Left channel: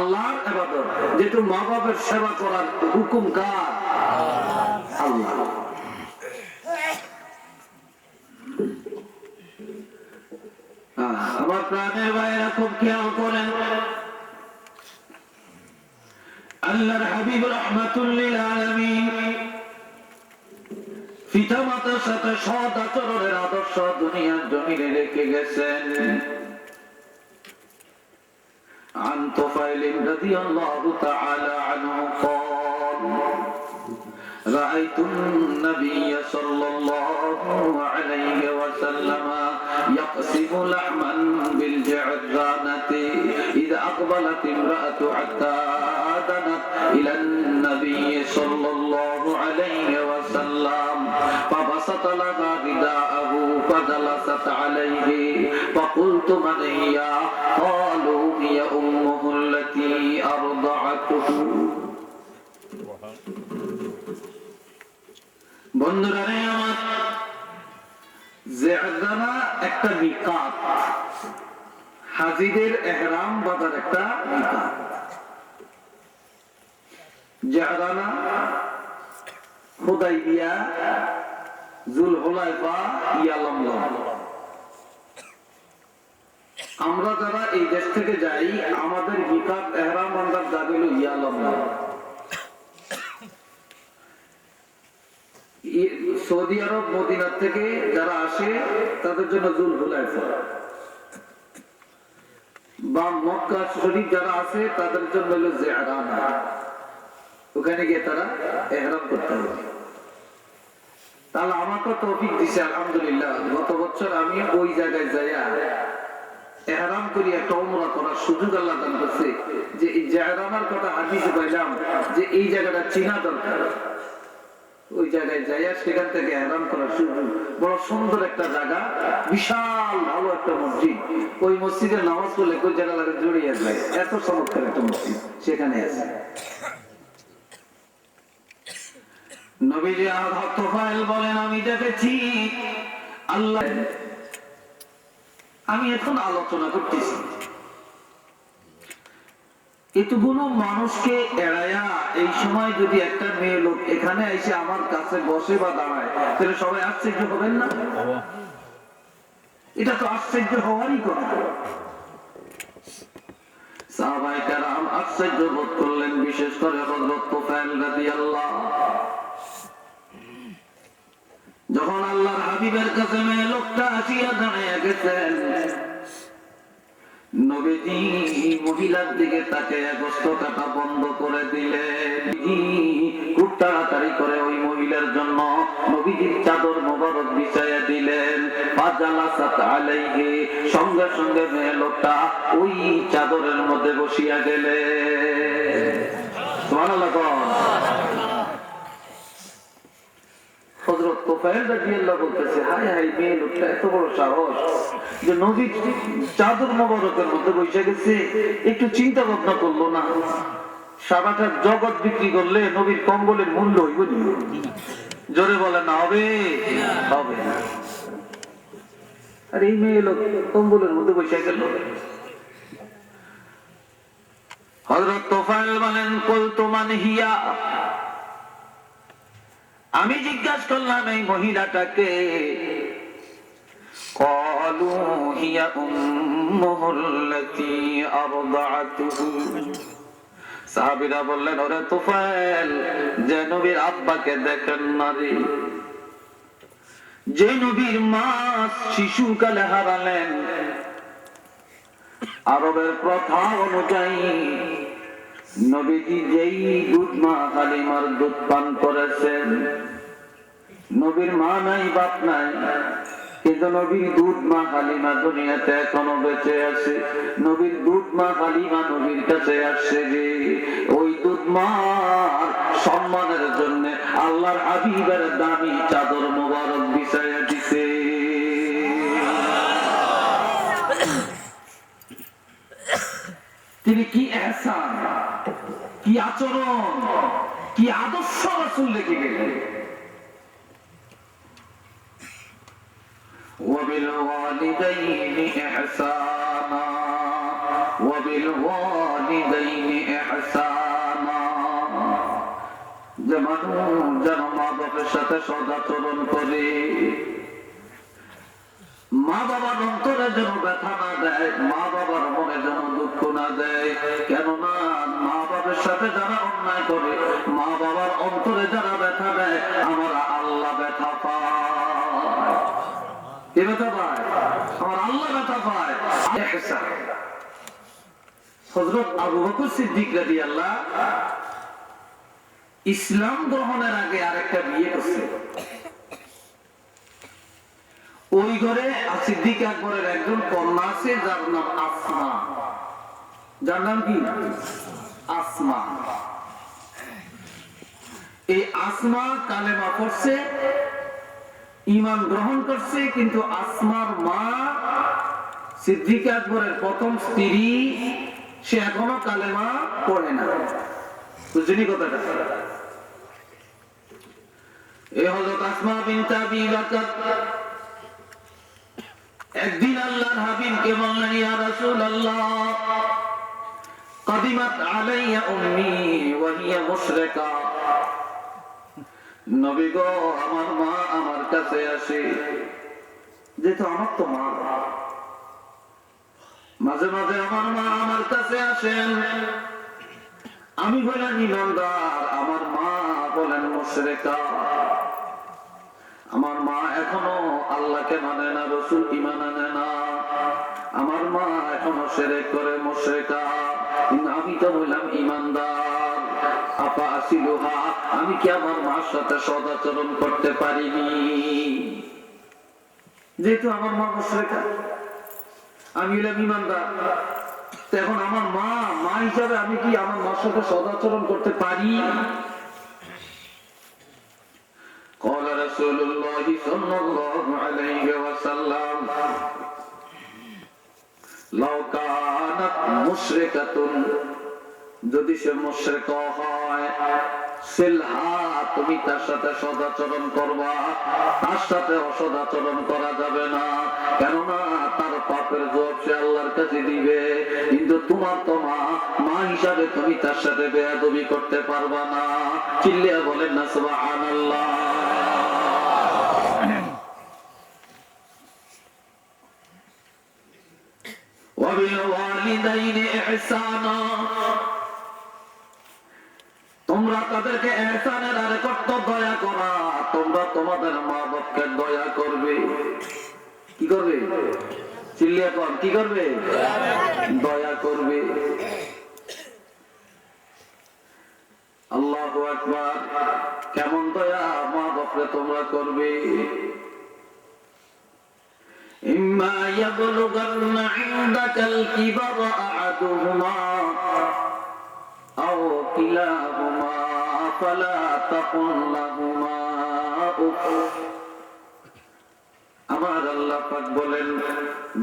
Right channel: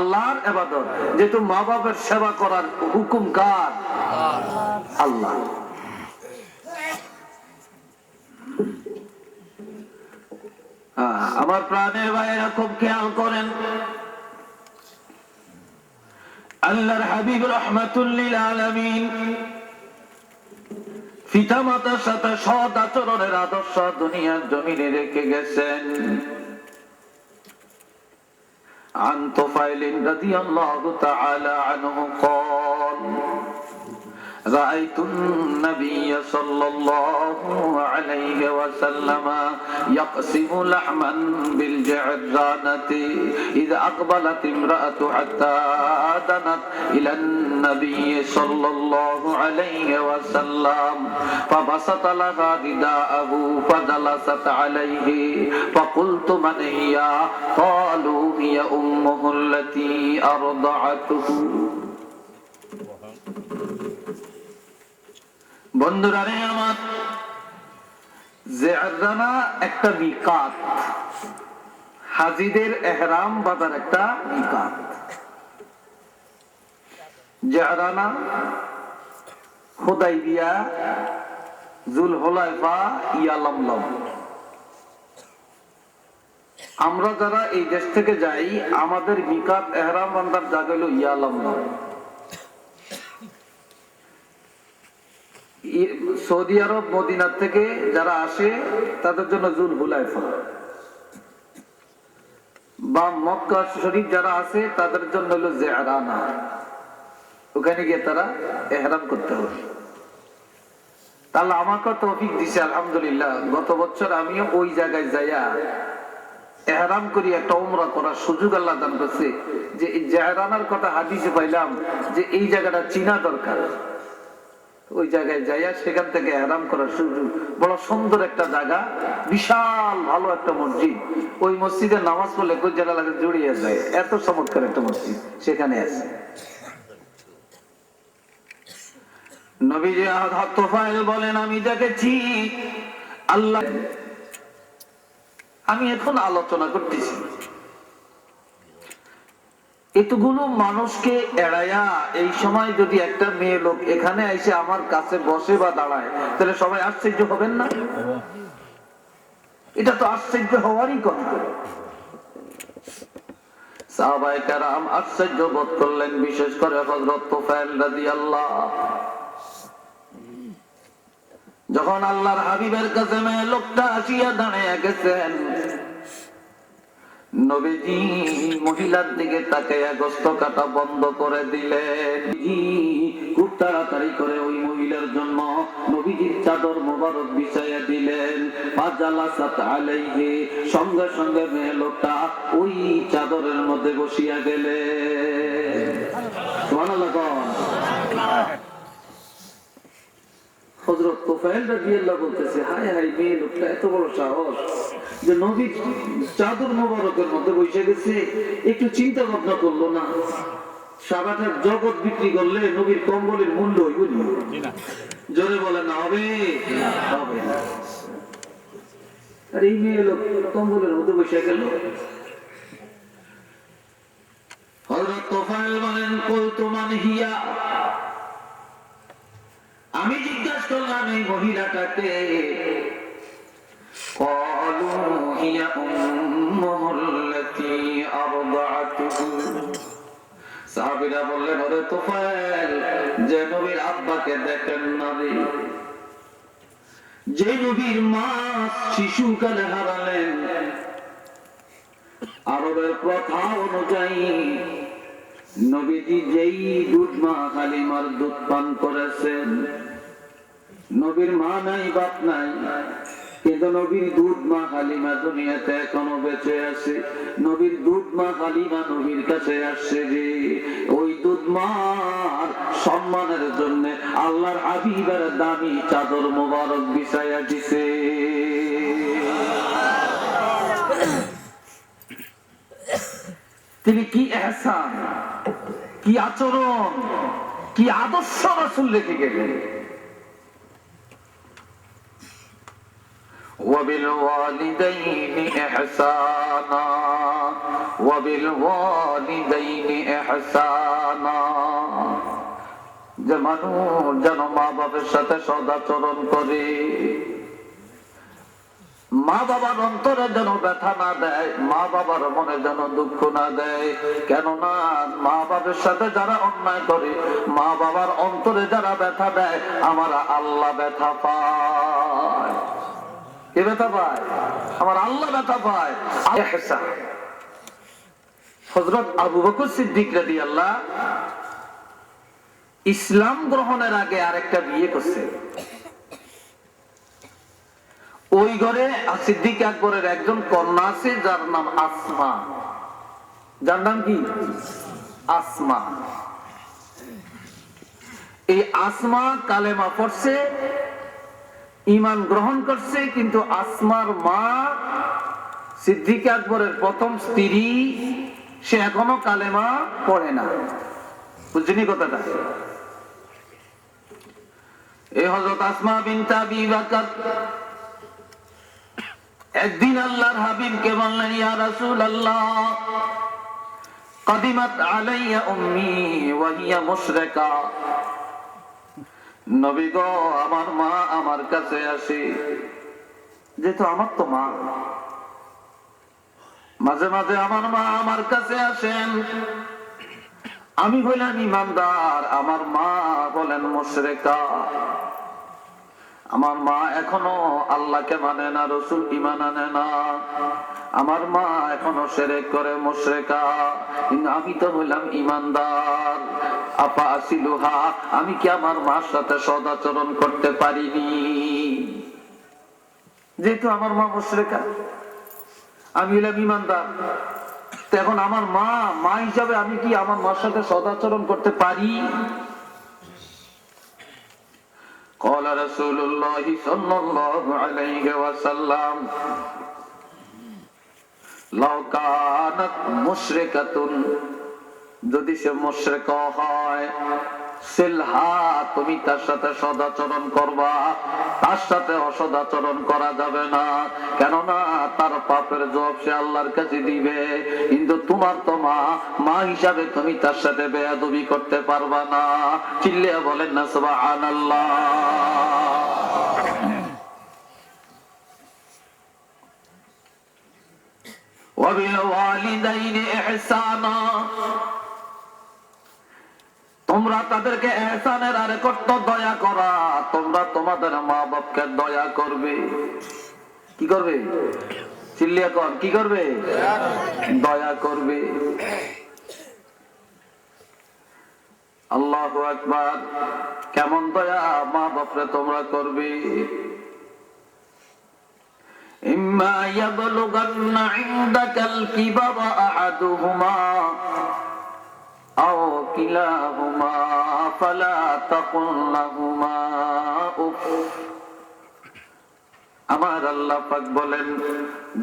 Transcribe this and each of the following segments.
আল্লাহর ইবাদত। যেহেতু মা বাবার সেবা করার হুকুম কার? আল্লাহ। আমার প্রাণের ভাইয়েরা খুব খেয়াল করেন, আল্লাহর হাবিব রাহমাতুল লিল আলামিন পিতামাতার সাথে সৎ আচরণের আদর্শ দুনিয়ার জমিনে রেখে গেছেন। عن طفيل رضي الله تعالى عنه قال رأيت النبي صلى الله عليه وسلم يقسم لحما بالجعرانة إذا أقبلت امرأة حتى دنت إلى النبي صلى الله عليه وسلم فبسط لها رداءه فجلست عليه فقلت من هي؟ قالوا هي أمه التي أرضعته। বন্ধুরা রে আমার, জিআরানা একটা মিকাত, হাজিদের ইহরাম বাঁধার একটা মিকাত। জিআরানা, হুদাইবিয়া, যুলহুলাইফা, ইয়ালামলাম। আমরা যারা এই দেশ থেকে যাই, আমাদের মিকাত ইহরাম বাঁধার জায়গা হলো ইয়ালামলাম। সৌদি আরব মদিনা থেকে যারা আসে তাদের জন্য যুলহুলাইফা, বা মক্কা শরীফ যারা আছে তাদের জন্য হলো জিআরানা। ওখানে গিয়ে তারা ইহরাম করতে হবে। তাহলে আমাকে তৌফিক দিছে আলহামদুলিল্লাহ, গত বছর আমি ওই জায়গায় যাইয়া ইহরাম করি, একটা উমরা করার সুযোগ আল্লাহ দান করছে। যে এই জিআরানার কথা হাদিসে পাইলাম যে এই জায়গাটা চিনা দরকার। ওই জায়গায় যাইয়া সেখান থেকে ইহরাম করার সুযোগ। বড় সুন্দর একটা জায়গা, বিশাল ভালো একটা মসজিদ। ওই মসজিদে নামাজ পড়লে কলিজা লাগে জড়িয়ে যায়, এত চমৎকার একটা মসজিদ সেখানে আছে। নবীজি হযরত তুফাইল বলেন, আমি দেখেছি আল্লাহ। আমি এখন আলোচনা করতেছি, এতগুলো মানুষকে এড়াইয়া এই সময় যদি একটা মেয়ে লোক এখানে এসে আমার কাছে বসে বা দাঁড়ায়, তাহলে সবাই আশ্চর্য হবেন না? এটা তো আশ্চর্য হওয়ারই কথা। সাহাবায়ে কেরাম আশ্চর্য বোধ করলেন, বিশেষ করে হযরত তুফাইল রাদিয়াল্লাহু। যখন আল্লাহর হাবিবের কাছে মেয়ে লোকটা আসিয়া দাঁড়াইয়া গেছেন, নবীজি মহিলার দিকে তাকিয়ে গোশত কাটা বন্ধ করে দিলেন। খুব তাড়াতাড়ি করে ওই মহিলার জন্য নবীজির চাদর মোবারক বিছাইয়া দিলেন। ফাজালাসাত আলাইহি, সঙ্গে সঙ্গে মেয়ে লোকটা ওই চাদরের মধ্যে বসিয়া গেলেন। সুবহানাল্লাহ। হযরত তুফাইল রাদিয়াল্লাহু বলতেছে, হায় হায়, মেয়ে লোকটা এত বড় সাহস যে নবীর চাদর মোবারকের মধ্যে বসে গেছে, একটু চিন্তা ভাবনা করলো না? সারাটা জগৎ বিক্রি করলে নবীর কম্বলের মূল্য হইব না? জোরে বলে না হবে? হবে না। আর এই মেয়ে লোক কম্বলের মধ্যে বসে গেল। হযরত তুফাইল বলেন, কুলতু মান হিয়া, আমি জিজ্ঞাসা করলাম এই মহিলাটাকে। ক্বালু হিয়া উম্মুহুল্লাতী আরদাআতুহু। সাহাবীরা বললেন, ওরে তুফাইল, যে নবীর আব্বাকে দেখেন না রে, যে নবীর মা শিশুকালে হারালেন, আরবের প্রথা অনুযায়ী নবীজি যেই দুধ মা হালিমার দুধ পান করেছেন, নবীর মা নাই বাপ নাই, কিন্তু নবীর দুধ মা হালিমা দুনিয়াতে এখনো বেঁচে আছে। নবীর দুধ মা হালিমা নবীর কাছে আসছে যে ওই দুধ মার সম্মানের জন্য আল্লাহর হাবিবের দামি চাদর মোবারক বিছাইয়া দিছে। তিনি কি ইহসান, কি আচরণ, কি আদর্শ রাসূল রেখে গেলেন। وبالوالدين إحسانا ওয়া বিল ওয়ালিদাইনি ইহসানা, যে মানুষ যেন মা বাবার সাথে সদাচরণ করে, মা বাবার অন্তরে যেন ব্যথা না দেয়, মা বাবার মনে যেন দুঃখ না দেয়। কেননা মা বাবার সাথে যারা অন্যায় করে, মা বাবার অন্তরে যারা ব্যথা দেয়, আমার আল্লাহ ব্যথা পায়। কে ব্যথা পায়? আমার আল্লাহ ব্যথা পায়। হযরত আবু বকর সিদ্দিক রাদিয়াল্লাহু ইসলাম গ্রহণের আগে আরেকটা বিয়ে করছে। ওই ঘরে সিদ্দিক আকবরের একজন কন্যা আছে যার নাম আসমা। যার নাম কি? আসমা। এই আসমা কালেমা পড়ছে, ঈমান গ্রহণ করছে, কিন্তু আসমার মা সিদ্দিক আকবরের প্রথম স্ত্রী, সে এখনো কালেমা পড়ে না। বুঝলি কথাটা? এই হযরত আসমা বিনতে আবি বকর একদিন আল্লাহর হাবিবকে বললেন, ইয়া রাসূলুল্লাহ, কাদিমাত আলাইয়া উম্মি ওয়া হিয়া মুশরিকা। নবী গো, আমার মা আমার কাছে আসে, যেহেতু আমার তো মা, মাঝে মাঝে আমার মা আমার কাছে আসেন। আমি হইলাম ঈমানদার, আমার মা বলেন মুশরিকা। আমার মা এখনো আল্লাহকে মানে না, রাসূল ঈমান আনে না। আমার মা এখনো শিরক করে, মুশরিকা। কিন্তু আমি তো হইলাম ঈমানদার। আপা আসিলুহা, আমি কি আমার মার সাথে সদাচরণ করতে পারিনি? যেহেতু আমার মা মুশরিকা, আমি হইলাম ঈমানদার, এখন আমার মা মা হিসাবে আমি কি আমার মার সাথে সদাচরণ করতে পারি? قال رسول الله صلى الله عليه وسلم لو كانت مشركة, যদি সে মুশরিকা হয়, সিলহা, তুমি তার সাথে সদাচরণ করবা, তার সাথে অসদাচরণ করা যাবে না। কেননা তার পাপের জবাব সে আল্লাহর কাছে দিবে। কিন্তু তোমার তো মা, মা হিসাবে তুমি তার সাথে বেয়াদবি করতে পারবা না। চিল্লিয়া বলেন না সুবহানাল্লাহ। ওয়া বিল ওয়ালিদাইনি ইহসানা, তোমরা তাদেরকে ইহসানের আরে কত দয়া করা, তোমরা তোমাদের মা বাপকে দয়া করবে। কি করবে? চিল্লিয়া কর, কি করবে? দয়া করবে। আল্লাহু আকবার। কেমন দয়া মা বাপরে তোমরা করবে? ইম্মা ইয়াবলুগান্না ইনদাকাল কিবারা আহাদুহুমা আও কিলাহুমা ফালা তাকুল লাহুমা উফ। আমার আল্লাহ পাক বলেন,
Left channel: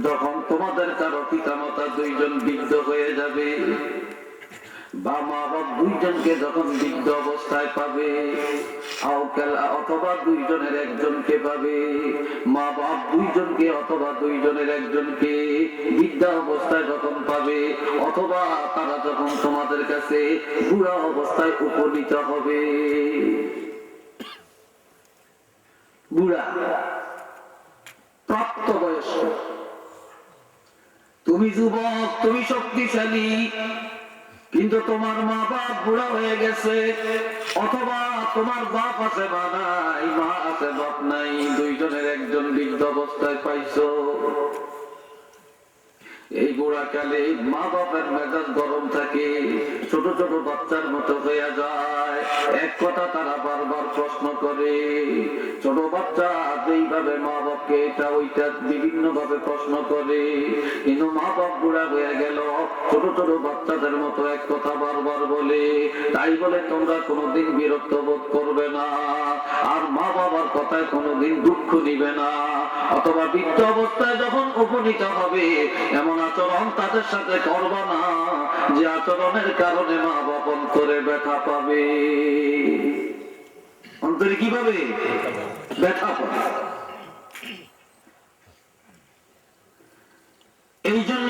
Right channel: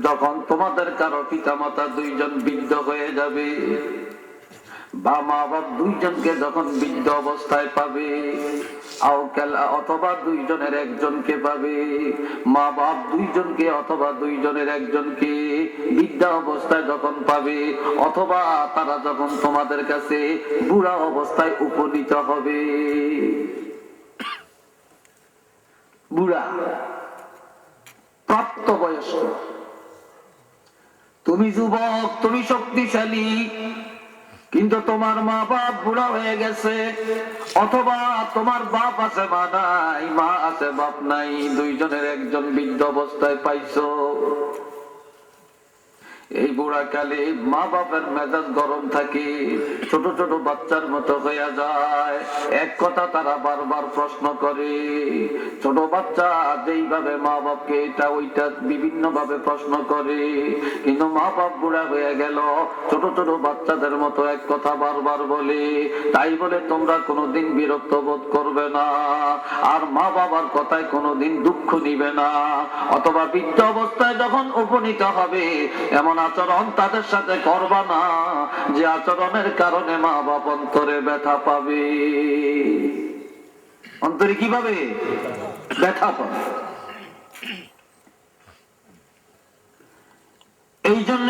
যখন তোমাদের কারো পিতামাতা দুইজন বৃদ্ধ হয়ে যাবে, বা মা বাপ দুইজনকে যখন বৃদ্ধ অবস্থায় পাবে, অথবা দুইজনের একজনকে পাবে, মা বাপ দুইজনকে অথবা দুইজনের একজনকে বৃদ্ধা অবস্থায় যখন পাবে, অথবা তারা যখন তোমাদের কাছে বুড়া অবস্থায় উপনীত হবে, বুড়া প্রাপ্তবয়স্ক, তুমি যুবক, তুমি শক্তিশালী, কিন্তু তোমার মা বাপ বুড়া হয়ে গেছে, অথবা তোমার বাপ আছে মা নাই, মা আছে বাপ নাই, দুইজনের একজন বৃদ্ধ অবস্থায় পাইছো। এই বুড়া কালে মা বাপের মেজাজ গরম থাকে, ছোট ছোট বাচ্চার মতো হয়ে যায়। এক কথা তারা বারবার প্রশ্ন করে। ছোট বাচ্চা যেইভাবে মা বাপকে এটা ওইটা বিভিন্ন ভাবে প্রশ্ন করে, কিন্তু মা বাপ বুড়া হয়ে গেল, ছোট ছোট বাচ্চাদের মতো এক কথা বারবার বলে। তাই বলে তোমরা কোনোদিন বিরক্ত বোধ করবে না, আর মা বাবার কথায় কোনোদিন দুঃখ নিবে না। অথবা বৃদ্ধ অবস্থায় যখন উপনীত হবে, এমন আচরণ তাদের সাথে করবা না যে আচরণের কারণে মা বাপ অন্তরে ব্যথা পাবে। অন্তরে কি পাবে? ব্যথা পাবে। এই জন্য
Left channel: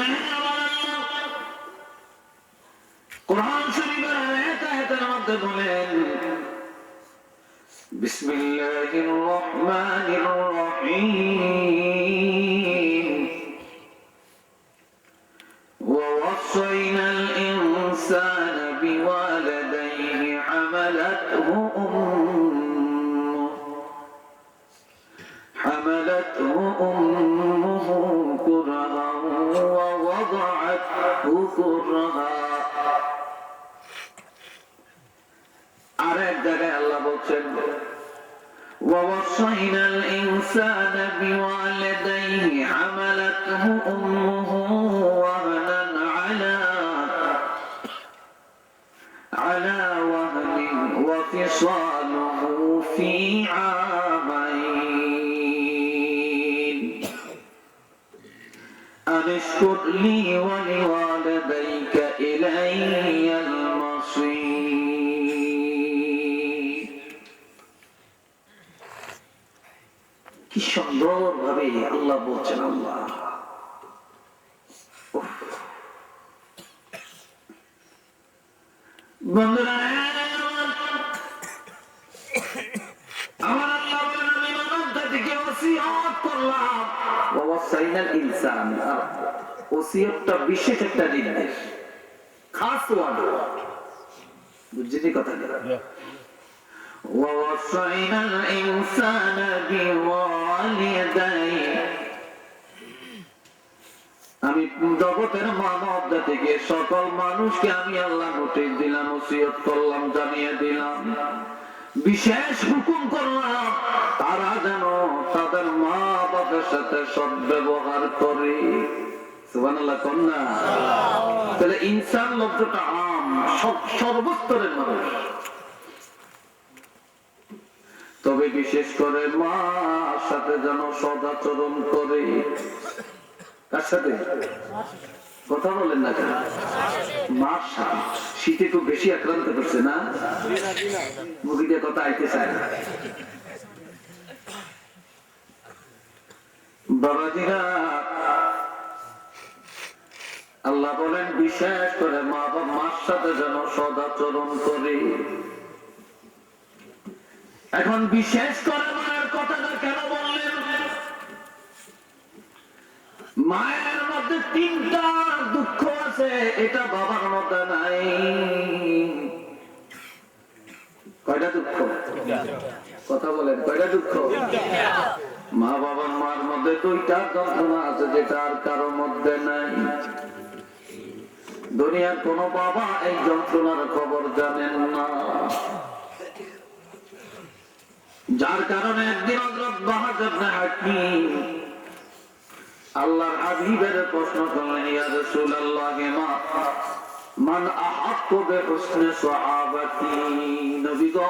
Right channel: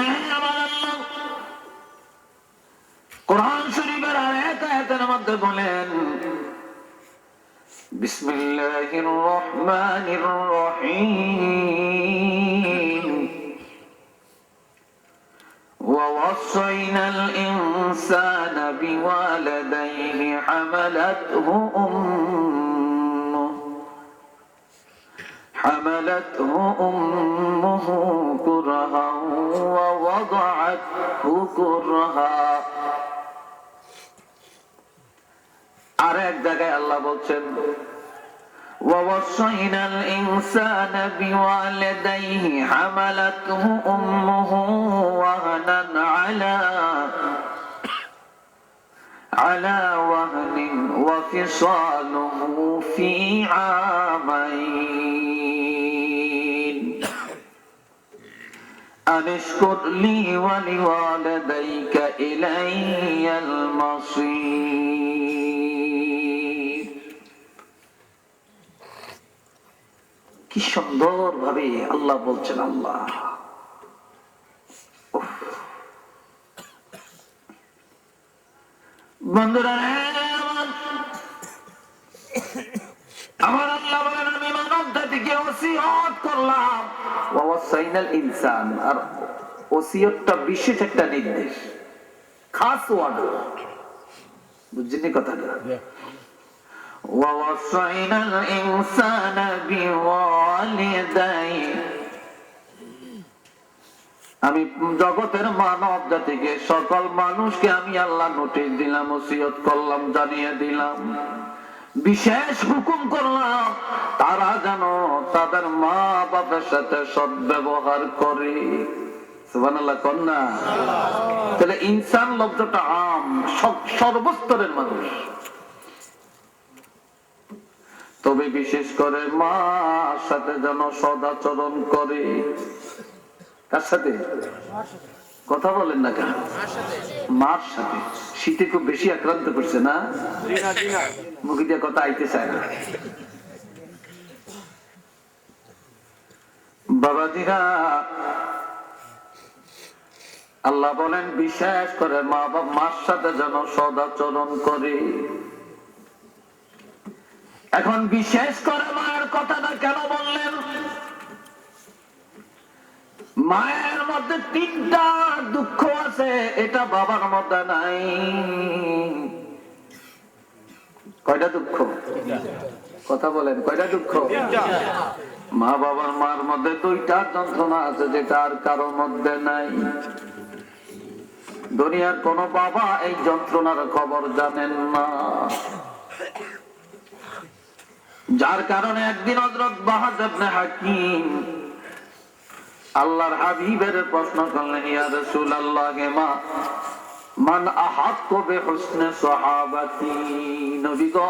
মধ্যে বলেন বিসমিল্লাহির রহমানির রহিম ووصينا الإنسان بوالديه حملته أمه كرها ووضعته كرها আরেক জায়গায় আল্লাহ বলছেন ووصينا الإنسان بوالديه حملته أمه وهنا على وهن وفصاله في عامين أن اشكر لي ولوالديك إلي المصير কি সুন্দর ভাবে আল্লাহ বলছেন আল্লাহ বন্ধুরা আমার আল্লাহ বলেন আমি মানবজাতিকে ওসিয়ত করলাম ওয়াসাইনাল ইনসান আর ওসিয়তটা বিশেষ একটা নির্দেশ খাস ওয়ার্ড বুঝছেন কথাটা ووصينا الإنسان بوالديه আমি জগতের মানব জাতিকে সকল মানুষকে আমি আল্লাহ নোটিশ দিলাম ওসিয়ত করলাম জানিয়ে দিলাম বিশেষ হুকুম করলাম তারা যেন তাদের মা বাবার সাথে সদ্ব্যবহার করে সুবহানাল্লাহ কন্যা তাহলে ইনসান শব্দটা আম সর্বস্তরের মানুষ তবে বিশেষ করে মার সাথে যেন সদাচরণ করে কার সাথে কথা বলেন না কেন মার সাথে শীতে খুব বেশি আক্রান্ত করছে না মুখে দিয়ে কথা আইতে চায় না বাবাজিরা আল্লাহ বলেন বিশেষ করে মা বাবা মার সাথে যেন সদাচরণ করে এখন বিশেষ করে মায়ের কথাটা কেন বললেন মায়ের মধ্যে তিনটা দুঃখ আছে এটা বাবার মধ্যে নাই কয়টা দুঃখ কথা বলেন কয়টা দুঃখ মা বাবার মার মধ্যে দুইটা যন্ত্রণা আছে যেটা আর কারোর মধ্যে নাই দুনিয়ার কোন বাবা এই যন্ত্রণার খবর জানেন না যার কারণে একদিন হযরত বাহাদুর ইবনে হাকিম আল্লাহর হাবিবের প্রশ্ন করলেন ইয়া রাসূলুল্লাহ মান আহাক্কু বিহুসনি সাহাবাতি নবী গো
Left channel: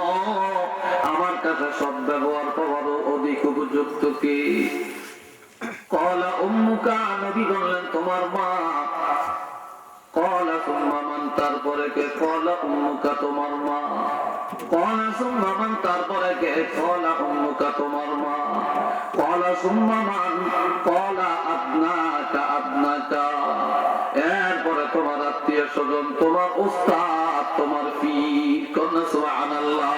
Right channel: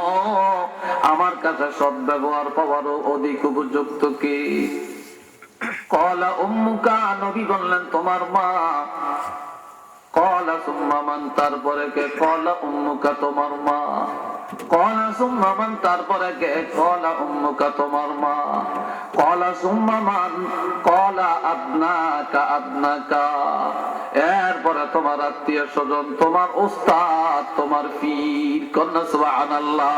আমার কাছে সদ্ব্যবহার করার অধিক উপযুক্ত কে ক্বালা উম্মুকা নবী বললেন তোমার মা ক্বালা সুম্মা মান তারপরে কে ক্বালা উম্মুকা তোমার মা ক্বালা সুম্মা মান তারপরে কে ক্বালা উম্মুকা তোমার মা ক্বালা সুম্মা মান ক্বালা আদনাকা এরপরে তোমার আত্মীয় স্বজন তোমার উস্তাদ তোমার পীর কন্যা সুবহানাল্লাহ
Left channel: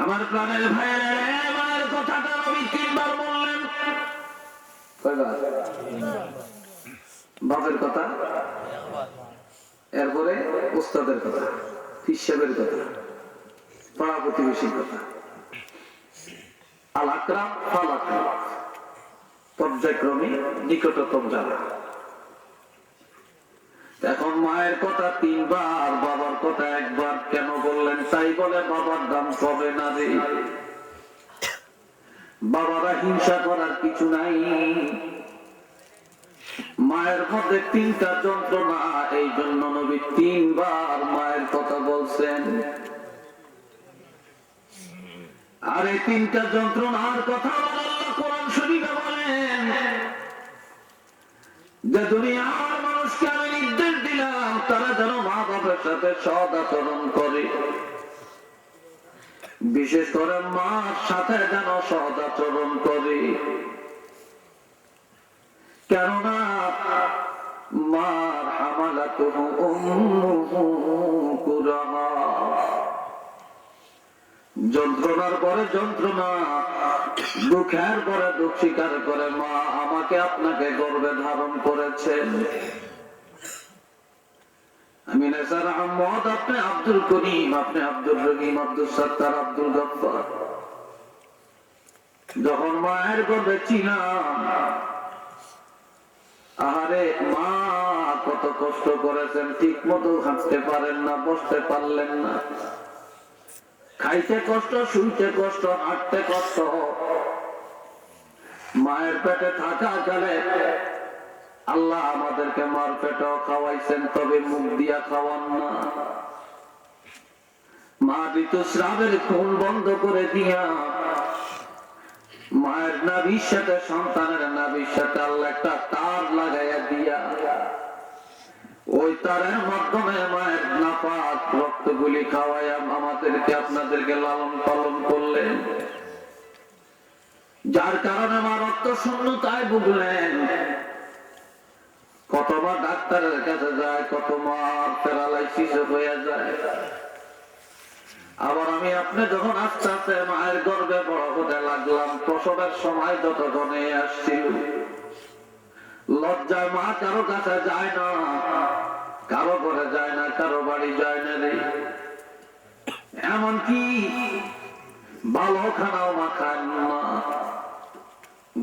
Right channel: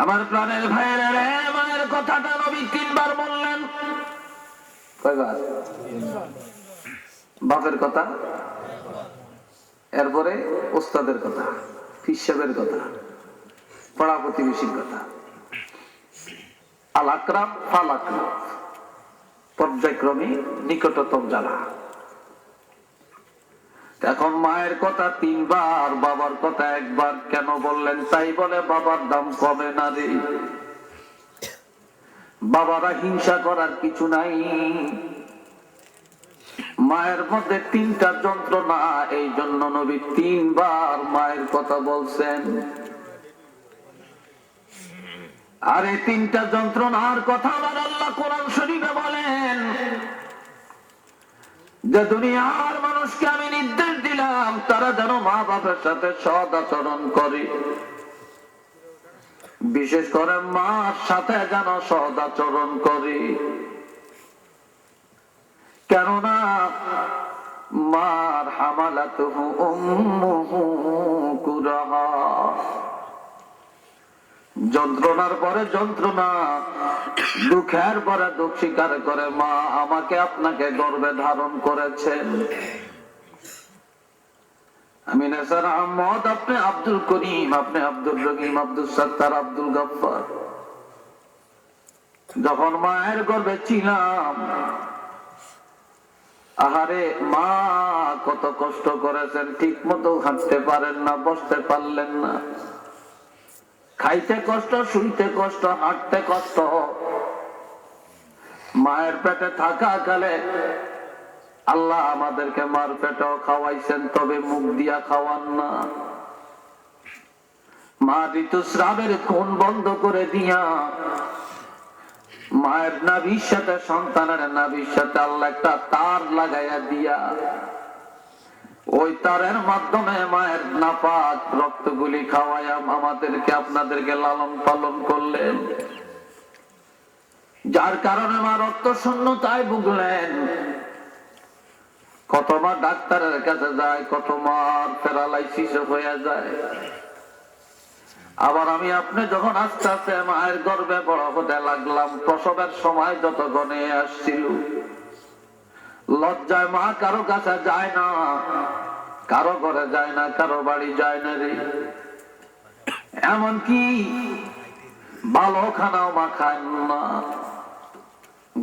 আমার প্রাণের ভাইয়েরা মায়ের কথাটা নবী তিনবার বললেন কয়বার বাপের কথা এরপরে উস্তাদের কথা হিসাবের কথা পাড়া প্রতিবেশীর কথা আল আকরাম ফাল আকরাম পর্যায়ক্রমে নিকটতম যারা এখন মায়ের কথা তিনবার বাবার কথা একবার কেন বললেন তাই বলে বাবার দাম কমে না রে বাবারা হিংসা করার কিছু নাই মায়ের মধ্যে তিনটা যন্ত্রণা এই জন্য নবী তিনবার মায়ের কথা বলছেন আর এই তিনটা যন্ত্রণার কথা আল্লাহ কোরআন শরীফে বলেন যে দুনিয়ার মানুষকে আমি নির্দেশ দিলাম তারা যেন মা বাবার সাথে সৎ আচরণ করে বিশেষ করে মার সাথে যেন সৎ আচরণ করে কেননা মার হামালাতুহু উম্মুহু কুরাহা, যন্ত্রণার পরে যন্ত্রণা, দুঃখের পরে দুঃখ স্বীকার করে মা আমাকে আপনাকে গর্ভে ধারণ করেছেন। আমি নেসার আহমদ, আপনি আব্দুল করিম, আপনি আব্দুল রহিম, আব্দুল সত্তার, আব্দুল গফফার। যখন মায়ের গর্ভে ছিলাম, আহারে মা কত কষ্ট করেছেন, ঠিক মতো হাঁটতে পারেন না, বসতে পারলেন না, খাইতে কষ্ট, শুইতে কষ্ট, হাঁটতে কষ্ট। মায়ের পেটে থাকা কালে আল্লাহ আমাদেরকে মার পেটেও খাওয়াইছেন, তবে মুখ দিয়া খাওয়ান না। মা ঋতুস্রাবের খুন বন্ধ করে দিয়া মায়ের নাভির সাথে সন্তানের নাভির সাথে আল্লাহ একটা তার লাগাইয়া দিয়া ওই তারের মাধ্যমে মায়ের নাপাক রক্তগুলি খাওয়াইয়া আমাদেরকে আপনাদেরকে লালন পালন করলেন, যার কারণে মা রক্ত শূন্যতায় ভুগলেন। কত মা ডাক্তারের কাছে যায়, কত মা প্যারালাইসিস হয়ে যায়। আবার আমি আপনি যখন আস্তে আস্তে মায়ের গর্ভে বড় হতে লাগলাম, প্রসবের সময় যতক্ষণে আসছিল, লজ্জায় মা কারো কাছে যায় না, কারো ঘরে যায় না, কারো বাড়ি যায় না রে। এমনকি ভালো খানাও মা খায় না,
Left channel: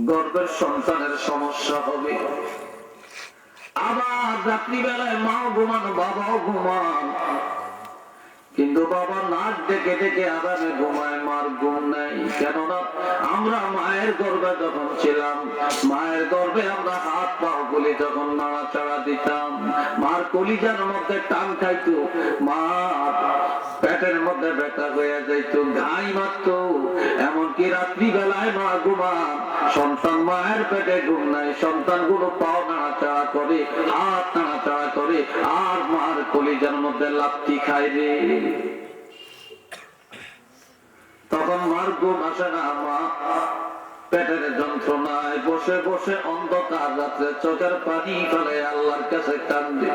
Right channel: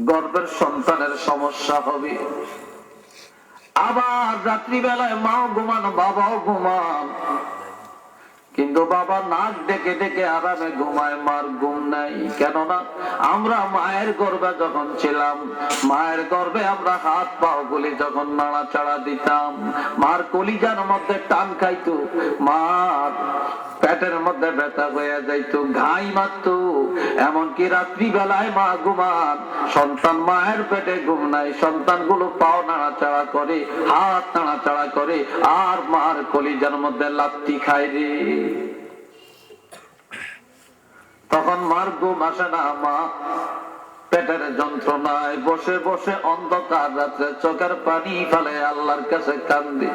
গর্ভের সন্তানের সমস্যা হবে। আবার রাত্রিবেলায় মাও ঘুমানো, বাবাও ঘুমান, কিন্তু বাবা নাক ডেকে ডেকে আরামে ঘুমায়, মার ঘুম নাই। কেননা আমরা মায়ের গর্ভে যখন ছিলাম, মায়ের গর্ভে আমরা হাত পাও গুলি যখন নাড়াচাড়া দিতাম, মার কলিজার মধ্যে টান খাইতো, মার পেটের মধ্যে ব্যথা হয়ে যাইতো, ঘাই মারত। এমনকি রাত্রিবেলায় মা ঘুমান, সন্তান মায়ের পেটে ঘুম নাই, সন্তানগুলো পাও নাড়াচাড়া করে, হাত নাড়াচাড়া করে, আর মার কলিজার মধ্যে লাত্তি খায় রে। তখন মার ঘুম আসে না, মা পেটের যন্ত্রণায় বসে বসে অন্ধকার রাত্রে চোখের পানি ফেলে আল্লাহর কাছে কান্দে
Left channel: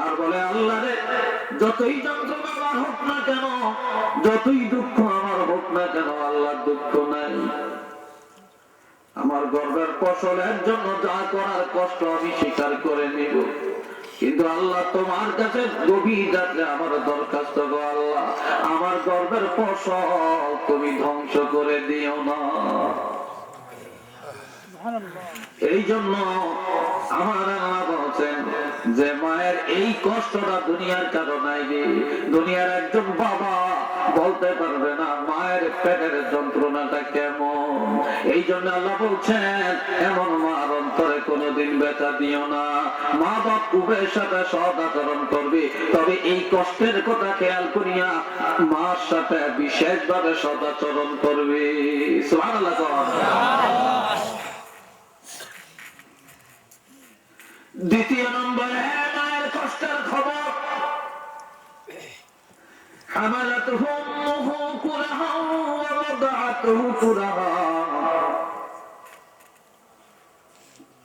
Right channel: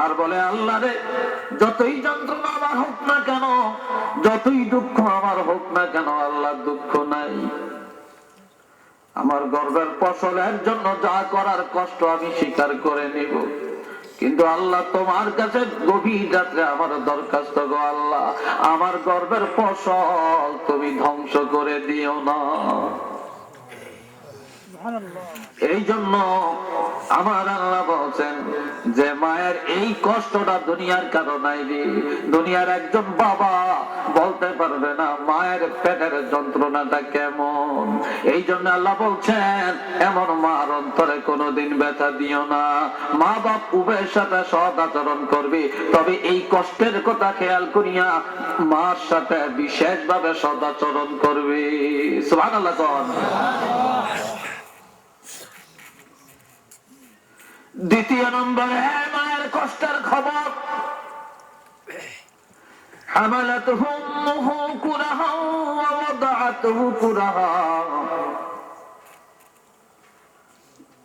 আর বলে, আল্লাহ রে, যতই যন্ত্রণা আমার হোক না কেন, যতই দুঃখ আমার হোক না কেন, আল্লাহর দুঃখ নাই। আমার গর্ভের ফসলের জন্য যা করার কষ্ট আমি স্বীকার করে নিব, কিন্তু আল্লাহ তোমার কাছে গভীর রাত্রে আমার দরখাস্ত গো আল্লাহ, আমার গর্ভের ফসল তুমি ধ্বংস করে দিও না। এই জন্য আমার আল্লাহ বলছেন যে মায়ের এই কষ্টটা দুনিয়ার কারো নাই রে। দুনিয়ার একজন বাবা বলতে পারবে না মায়ের পেটের যন্ত্রণাটা কেমন। এই জন্য আল্লাহ বলছেন, এমন মার অন্তরে কোনোদিন ব্যথা দিও না। মা বাপ উভয়ের সাথে সৎ আচরণ করবে, তবে এই কষ্টের কথা খেয়াল করিয়া মার সাথে বিশেষভাবে সৎ আচরণ করবে। সুবহানাল্লাহ। দ্বিতীয় নম্বরে মায়ের কষ্টের খবর, হামালাতুহু উম্মুহু কুরাহা ওয়া ওয়াদাআতুহু কুরাহা।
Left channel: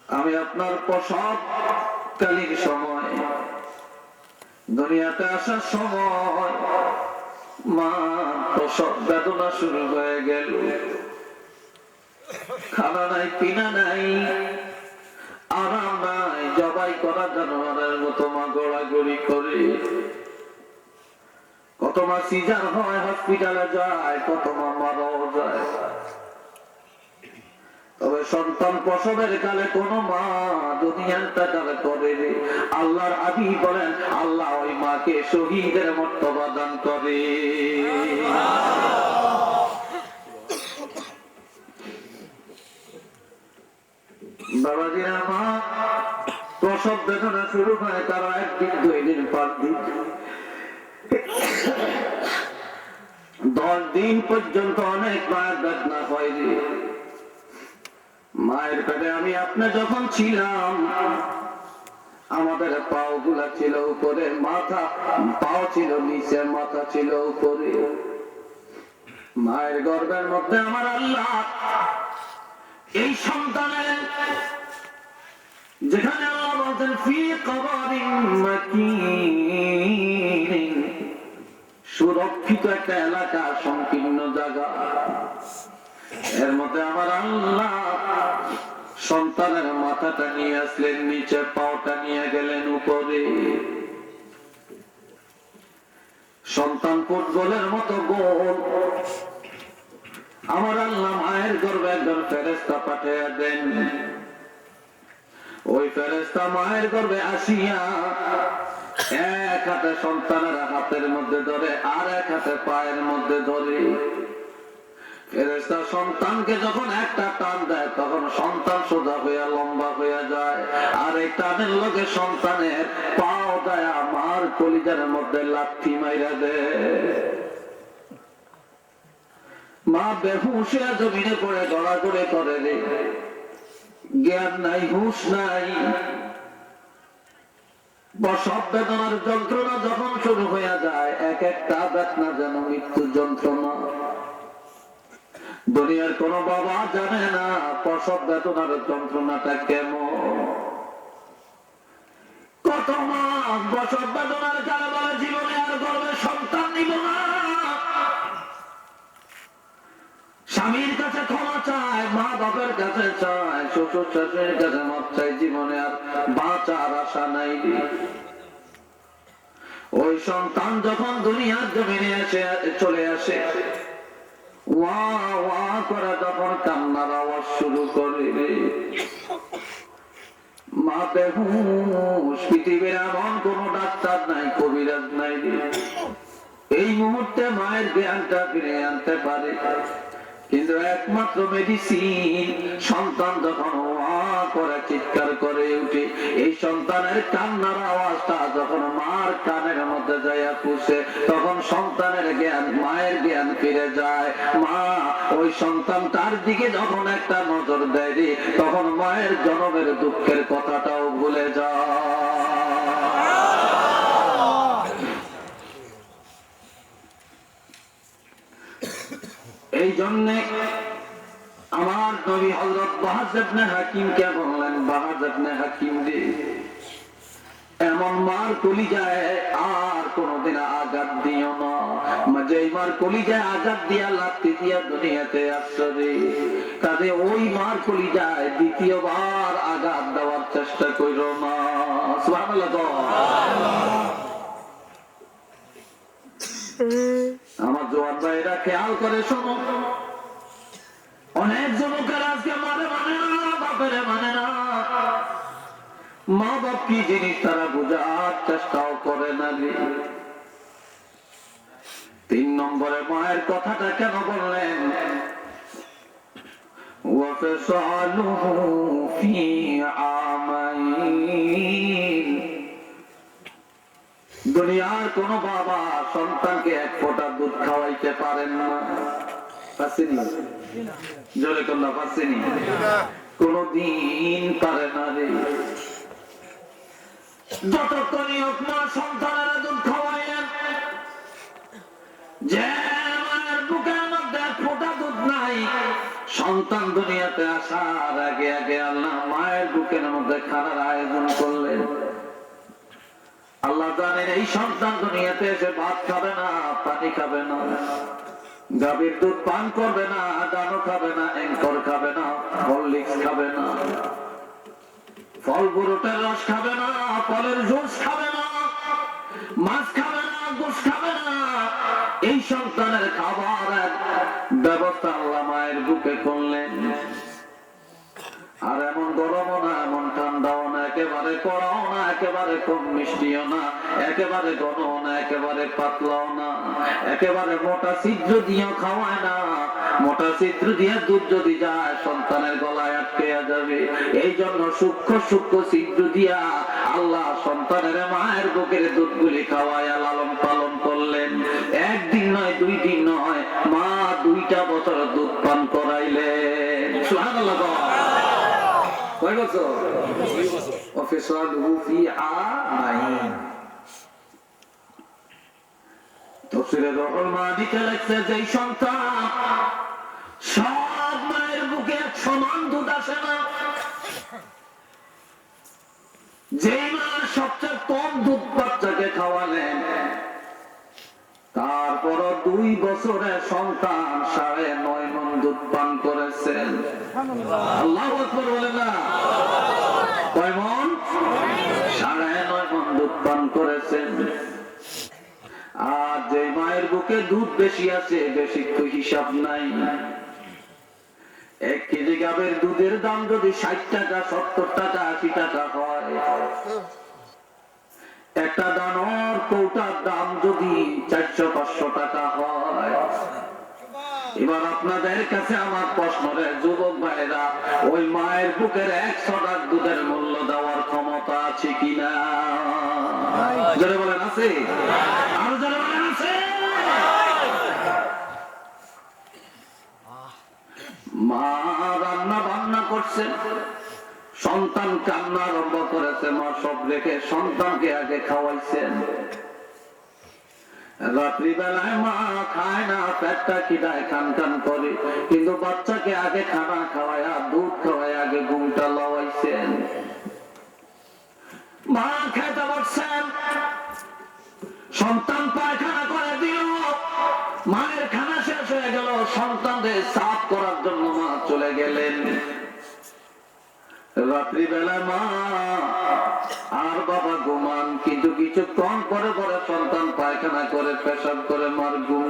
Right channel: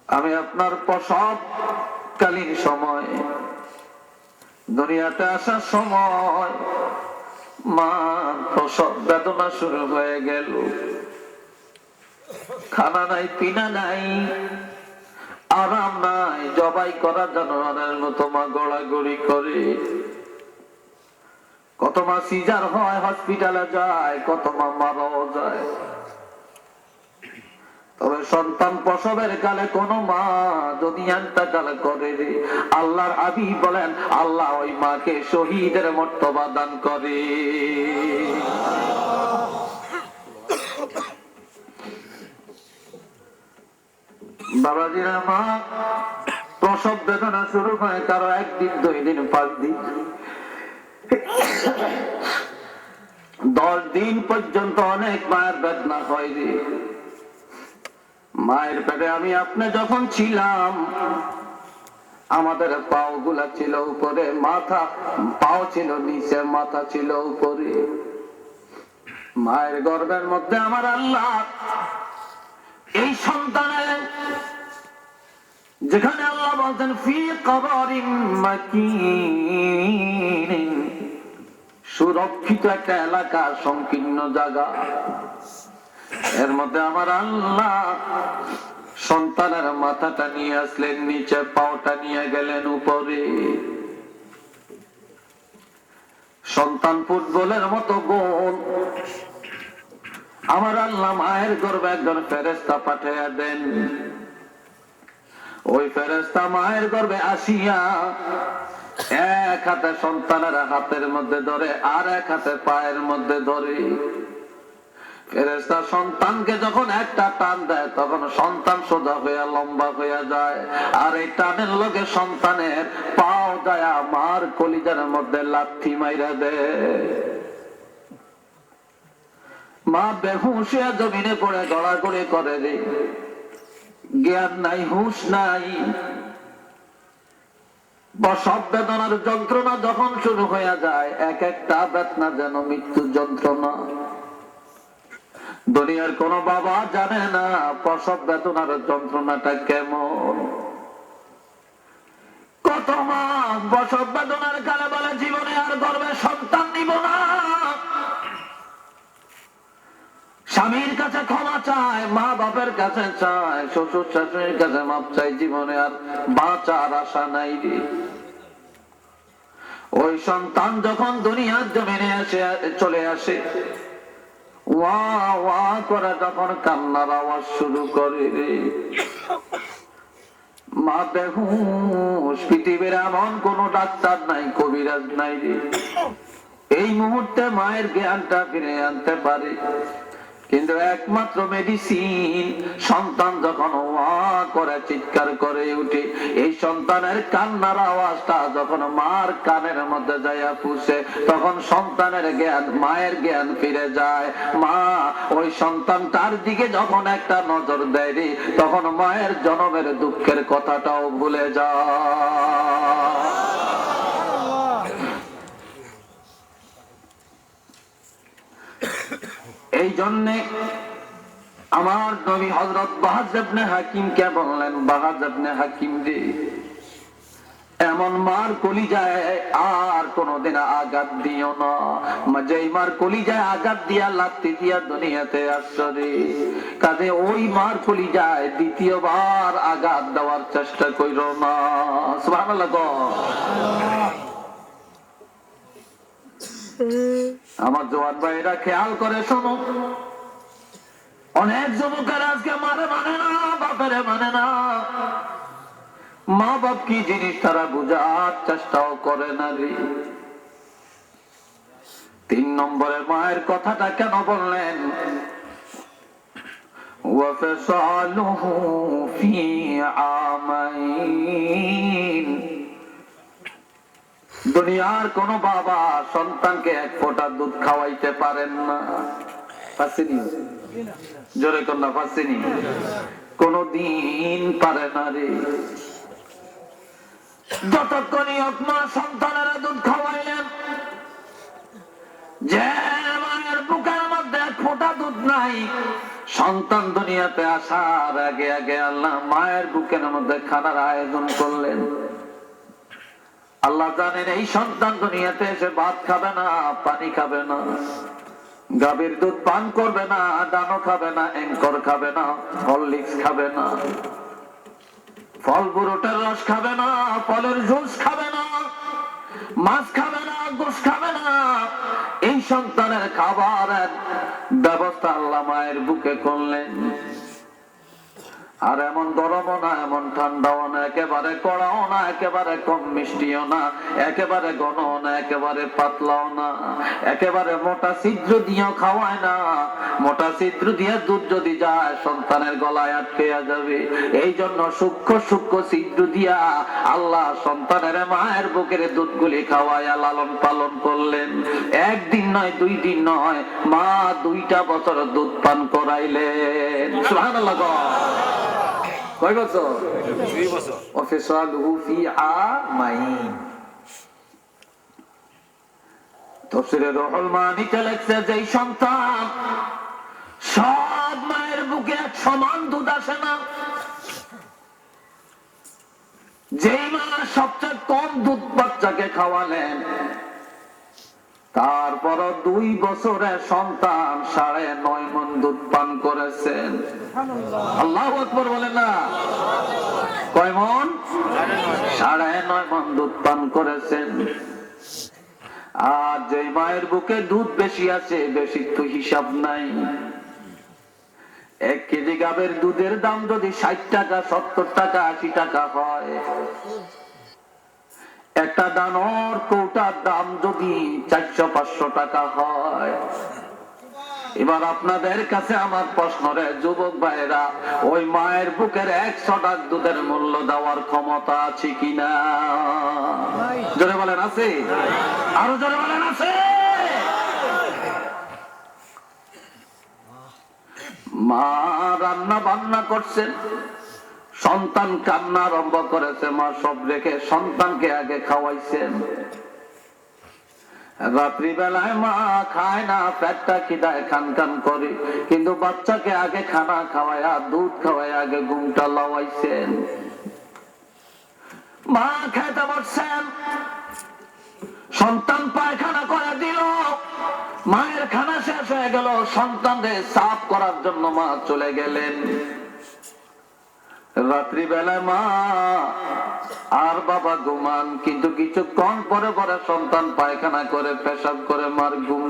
আমি আপনার প্রসবকালীন সময়, দুনিয়াতে আসার সময় মা প্রসব বেদনা শুরু হয়ে গেল, খানা নাই, পিনা নাই, আরাম নাই, জবাই করা জানোয়ারের মতো মা গড়াগড়ি করে। কত মা সিজার হয়, হসপিটালে যায়, কত মা মারাও যায়। তবে সন্তান প্রসবের কালে কোন মা দুনিয়ার কালে করে রে। আল্লাহর হাবিব বলেন, আল্লাহ ওই মাকে শহীদের মর্তবা দান করে। বাবাজিরা, মা প্রসব বেদনা শুরু হয় তারা 1 দিন, 2 দিন, 5 দিন, 10 দিন পর্যন্ত অনেক মায়ের বেদনা হয় রে। মায়ের পেটে আমি আপনি যখন ছিলাম, আমাদের পাও গুলা ছিল উপরে, মাথা, পাও ছিল নিচে, মাথা ছিল উপরে। মায়ের গর্ভের মধ্যে আমার আল্লাহ এই সন্তানের যেখানে আল্লাহ বলতেন ফি কবরিন মাকিন, সুরক্ষিত একটা এলাকা, সংকীর্ণ জায়গা, এর মধ্যে আমার আল্লাহ সন্তানের মাথাটা নিয়ে আসলেন নিচে, পাওটা নিয়ে গেলেন উপরে। সন্তান ফুটবলের মতো গোল। আমার আল্লাহ মায়ের গর্ভে একজন ফেরেশতা পাঠিয়ে দেন। ওই ফেরেশতা মায়ের গর্ভে আসিয়া এক হাতে সন্তানের হাতের মধ্যে ধরে, আর এক হাতে পায়ের মধ্যে ধরে। ফেরেশতা সন্তানকে যখন একটা টান দেয়, তখন সন্তান সোজা হইয়া লম্বা হইয়া যায়, আর এই টানের লগে সন্তানের পাও যায় মার কলিজার মধ্যে লাথি মাইরা দেয়। মা বেহুশ হয়ে জমিনে পড়ে গড়াগড়ি করে রে, জ্ঞান নাই, হুঁশ নাই। প্রসব বেদনার যন্ত্রণা যখন শুরু হইয়া যায়, এক একটা বেদনা যেন মৃত্যু যন্ত্রণা। দুনিয়ার কোন বাবা জানে না প্রসব বেদনার যন্ত্রণাটা কেমন। কত মা প্রসব বেদনার কালে বলে জীবনে আর গর্ভে সন্তান নিব না, স্বামীর কাছে ক্ষমা চায়, মা বাবার কাছে চায়, শ্বশুর শাশুড়ির কাছে মাপ চায়, জীবনে আর বাঁচার আশা নাই রে। ওই সন্তান যখন দুনিয়ার জমিনে এসে চলে আসে, ওয়া ওয়া করে তখন কান্নার আওয়াজ শুরু করে রে। মা বেহুশ, পৃথিবীর এমন কোন ডাক্তার নাই, কবিরাজ নাই রে এই মুহূর্তে মায়ের জ্ঞানটা ফিরে আনতে পারে। কিন্তু একমাত্র মেডিসিন, সন্তান যখন ওয়া করে চিৎকার করে উঠে, এই সন্তানের কান্নার আওয়াজটা যখন মার কানের মধ্যে যাইয়া পুষে, তখন সন্তানের জ্ঞান, মায়ের জ্ঞান ফিরে যায়। মা ওই সন্তান তার দিকে যখন একটা নজর দেয় রে, তখন মায়ের জনমের দুঃখের কথাটাও ভুলে যায়। এই জন্যে আমার নবী হযরত বাহাজ ইবনে হাকিমকে বললেন, বাহাজ ইবনে হাকিম রে, এমন মার কলিজায় আর কোনদিন আঘাত দিও না। যেই মার কলিজায় আঘাত দিয়া লাথি দিয়া দুনিয়াতে আসছো রে, কাজে ওই মার কলিজায় দ্বিতীয়বার আঘাত দেওয়ার চেষ্টা কইরো না। সুবহানাল্লাহ। আমার জওয়ান ভাইরা খেয়াল করে শোনো, অনেক যুবকের আজকে মারে মানে না, বাপের মানে না, মা বাপ কি জিনিস তারা বোঝার চেষ্টাও করে না রে। 3 নম্বরে মায়ের কথাটা কেন বললেন? ওয়াফসালুহু ফি আমাইন। দুনিয়ার কোন বাবা সন্তানকে এক ফোঁটা দুধ খাওয়াইতে পারেন না, পারেনি? জোরে কন্যা পারেনি? কোনদিন পারে না রে। যতক্ষণ মা সন্তানের দুধ খাওয়াইলেন, যে মায়ের বুকের মধ্যে এক ফোঁটা দুধ নাই, সন্তান দুনিয়াতে আসার আগে আগে আল্লাহ মায়ের বুকের মধ্যে খানার আয়োজন করলেন। আল্লাহ জানেন এই সন্তান দুনিয়াতে এসে ভাত খাবে না, পানি খাবে না, গাভীর দুধ পান করবে না, ডানো খাবে না, এঙ্কর খাবে না, হরলিক্স খাবে না, ফল বুরোটের রস খাবে না, ফলের জুস খাবে না, মাছ খাবে না, গোশ খাবে না। এই সন্তানের খাবারের ব্যবস্থা আল্লাহ মায়ের বুকে করলেন। আর এমন গরমও না, এমন ঠান্ডাও না, একেবারে কড়াও না, একেবারে কম মিষ্টিও না, একেবারে ঘনও না, একেবারে পাতলাও না, একেবারে মোটা ছিদ্র দিয়েও খাওয়ায় না। মোটা ছিদ্র দিয়ে দুধ যদি যায় সন্তানের গলায় আটকে যাবে, এই জন্য সূক্ষ্ম সূক্ষ্ম ছিদ্র দিয়া আল্লাহ সন্তানের মায়ের বুকের দুধগুলি খাওয়াইয়া লালন পালন করলেন। 1 দিন নয়, 2 দিন নয়, মা 2টা বছর দুধ পান করাইলেন। সুবহানাল্লাহ। কয় বছর? 2 বছর। ওয়াফসালুহু ফি আমাইন। তাফসীরে রুহুল মানিতে লেখছে যে সন্তান সব মায়ের বুকে এক সমান দুধ আসে না। যে মা সবচেয়ে কম দুধ বাচ্চাকে খাওয়ালেন, তারপর 2 বছরের সন্তান 9.5 মণ দুধ পান করেছেন। আল্লাহু আকবার বলেন না? কয় মণ? 9.5 মণ দুধ পান করেছেন। আর যে মায়ের বুকে দুধ বেশি আছে, বেশি তো হিসাব নাই। 1 কেজি গাবের দুধের দাম যদি 60 টাকা, 70 টাকা, 80 টাকা হয়, একটা দানোর কৌটার দাম যদি 400-500 টাকা হয়, এবার আপনাদের কাছে আমার প্রশ্ন রে যুবক ভাইরা, ওই মায়ের বুকের 100 টাকা দুধের মূল্য দেওয়ার ক্ষমতা আছে কিনা? জোরে বলেন আছে? আরো জোরে বলেন আছে? মা রান্না বান্না করছেন, সন্তান কান্না আরম্ভ করেছে, মা সব রেখে সন্তানকে আগে খাওয়াইছেন। রাত্রিবেলায় মা খায় না, পেটটা খিদায় খান খান করে, কিন্তু বাচ্চাকে আগে খানা খাওয়ায়া, দুধ খাওয়ায় আগে ঘুমটা লাওয়াইছেন। মা খাইতে বসছেন, সন্তান পায়খানা করে দিল, মায়ের খানা শেষ হয়ে গেল, সন্তানদের সাফ করার জন্য মা চলে গেলেন। রাত্রিবেলায় মা আর বাবা ঘুমান, কিন্তু কিছুক্ষণ পরে পরে সন্তান পায়খানা করে, পেশাব করে, মার ঘুম